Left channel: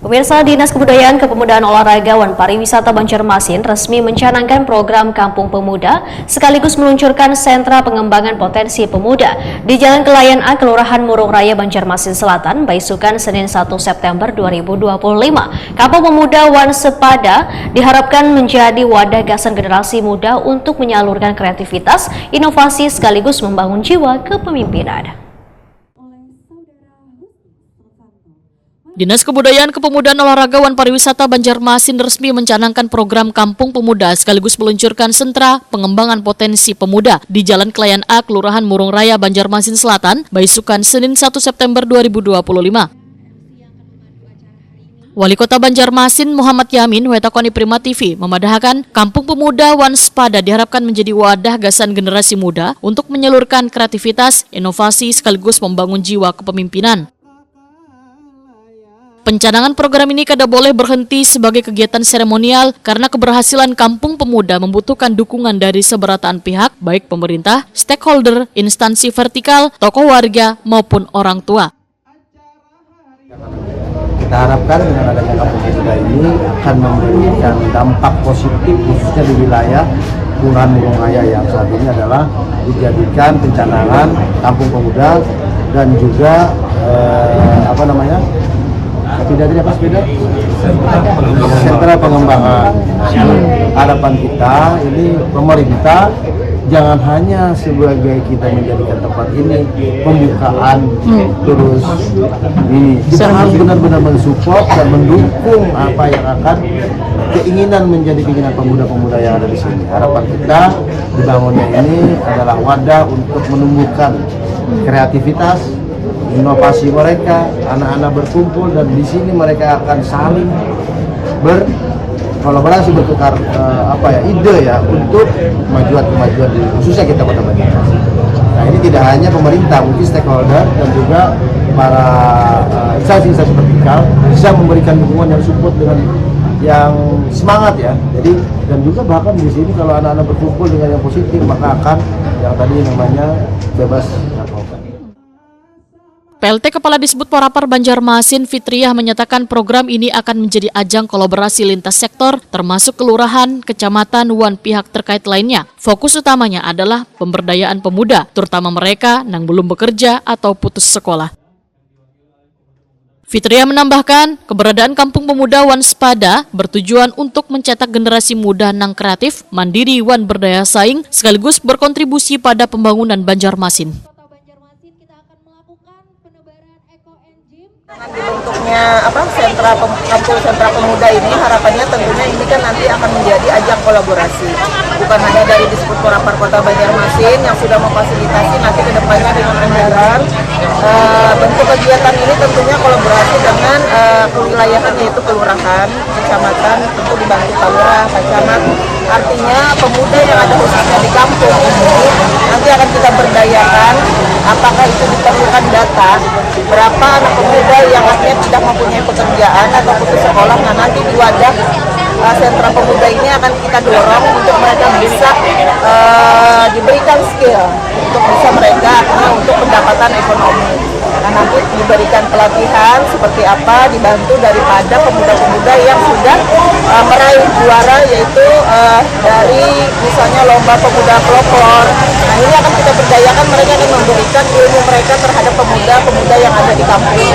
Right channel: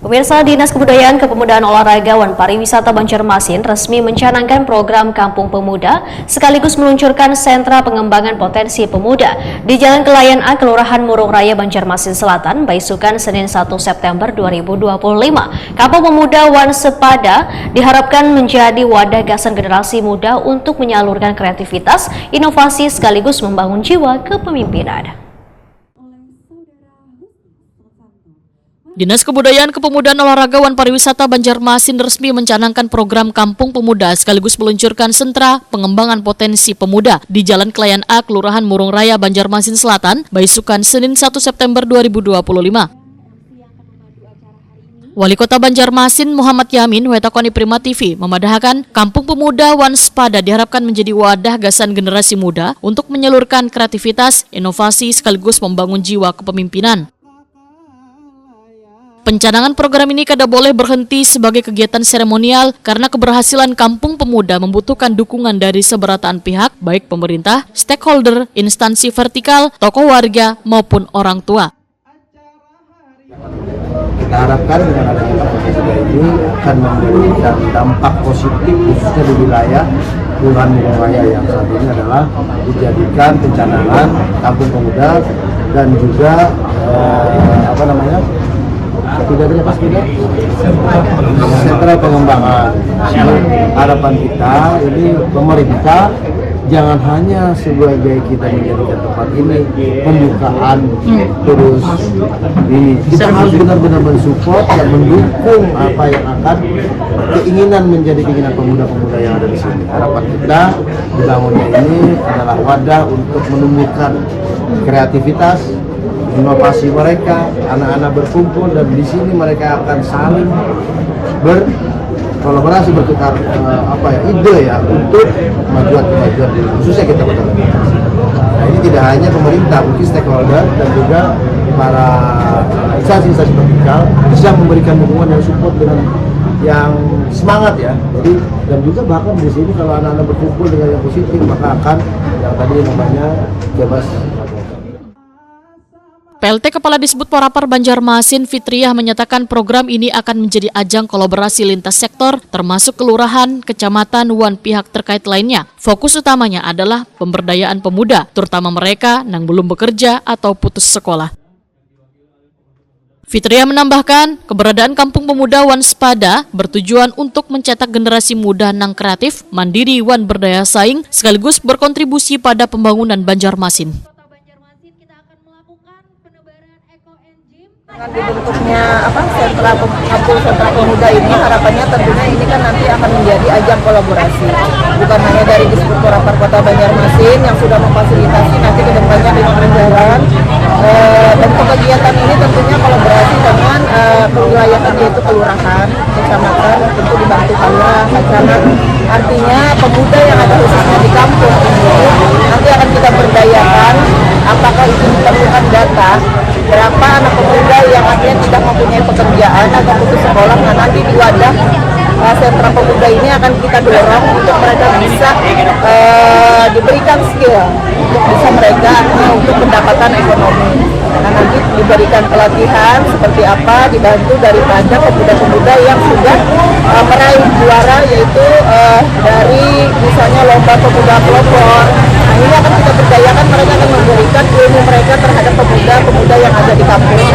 Pemirsa, Dinas Kebudayaan, Kepemudaan Olahraga dan Pariwisata Banjarmasin resmi mencanangkan program Kampung Pemuda sekaligus meluncurkan sentra pengembangan potensi pemuda di Jalan Kelayan A, Kelurahan Murung Raya, Banjarmasin Selatan, Baisukan, Senin 1 September 2025. Kampung Pemuda Wan Sepada diharapkan menjadi wadah gagasan generasi muda untuk menyalurkan kreativitas, inovasi sekaligus membangun jiwa kepemimpinan. Dinas Kebudayaan, Kepemudaan Olahraga dan Pariwisata Banjarmasin resmi mencanangkan program Kampung Pemuda sekaligus meluncurkan sentra pengembangan potensi pemuda di Jalan Kelayan A, Kelurahan Murung Raya, Banjarmasin Selatan, Baisukan, Senin 1 September 2025. Wali Kota Banjarmasin Muhammad Yamin mengatakan di Prima TV memadahkan Kampung Pemuda Wan Sepada diharapkan menjadi wadah gagasan generasi muda untuk menyalurkan kreativitas, inovasi sekaligus membangun jiwa kepemimpinan. Pencanangan program ini tidak boleh berhenti sebagai kegiatan seremonial karena keberhasilan Kampung Pemuda membutuhkan dukungan dari seberatan pihak, baik pemerintah, stakeholder, instansi vertikal, tokoh warga, maupun orang tua. Kita harapkan dengan adanya Kampung Pemuda ini akan memberikan dampak positif khususnya di wilayah Kelurahan Murung Raya yang saat ini adalah dijadikan pencanangan Kampung Pemuda dan juga sentra pengembangan. Harapan kita ini pemerintah jangan hanya sebagai kita menjadikan tempat ini pembukaan terus ini, kita harus benar-benar mensupport dan mendukung apa yang akan keinginan menjadi keinginan pemuda-pemuda yang ada di sini. Harapan kita dibangunnya ini adalah wadah untuk menumbuhkan kreativitas, inovasi mereka, anak-anak berkumpul dan di sini mereka akan saling berkolaborasi, bertukar ide ya untuk kemajuan khususnya kita Kota Banjarmasin. Nah, ini tidak hanya pemerintah, mungkin stakeholder dan juga para instansi vertikal bisa memberikan dukungan dan support dengan yang semangat ya. Jadi dan juga bahkan di sini kalau anak-anak berkumpul dengan yang positif maka akan yang tadi namanya bebas. PLT Kepala Disbudpor Banjarmasin Fitriah menyatakan program ini akan menjadi ajang kolaborasi lintas sektor termasuk kelurahan, kecamatan, dan pihak terkait lainnya. Fokus utamanya adalah pemberdayaan pemuda, terutama mereka yang belum bekerja atau putus sekolah. Fitriah menambahkan, keberadaan Kampung Pemuda Wan Sepada bertujuan untuk mencetak generasi muda yang kreatif, mandiri, dan berdaya saing, sekaligus berkontribusi pada pembangunan Banjarmasin. Dengan dibentuknya sentra pemuda ini, harapannya tentunya ini kan nanti akan menjadi ajang kolaborasi, bukan hanya dari Disbudpor Kota Banjarmasin yang sudah memfasilitasi nanti kedepannya di anggaran. Bentuk kegiatan ini tentunya kolaborasi dengan kewilayahan yaitu kelurahan, kecamatan, tentu dibantu kalura, camat. Artinya pemuda yang ada khususnya di kampung ini nanti akan kita berdayakan. Apakah itu diperlukan data berapa anak pemuda yang akhirnya tidak mempunyai pekerjaan atau putus sekolah. Nah, nanti di wadah sentra pemuda ini akan kita dorong untuk mereka bisa diberikan skill untuk bisa mereka untuk pendapatan ekonomi. Nah, nanti diberikan pelatihan seperti apa, dibantu daripada pemuda-pemuda yang sudah meraih juara, yaitu dari misalnya lomba pemuda pelopor. Nah, ini akan kita berdayakan, mereka akan memberikan ilmu mereka terhadap pemuda-pemuda yang ada di kampus.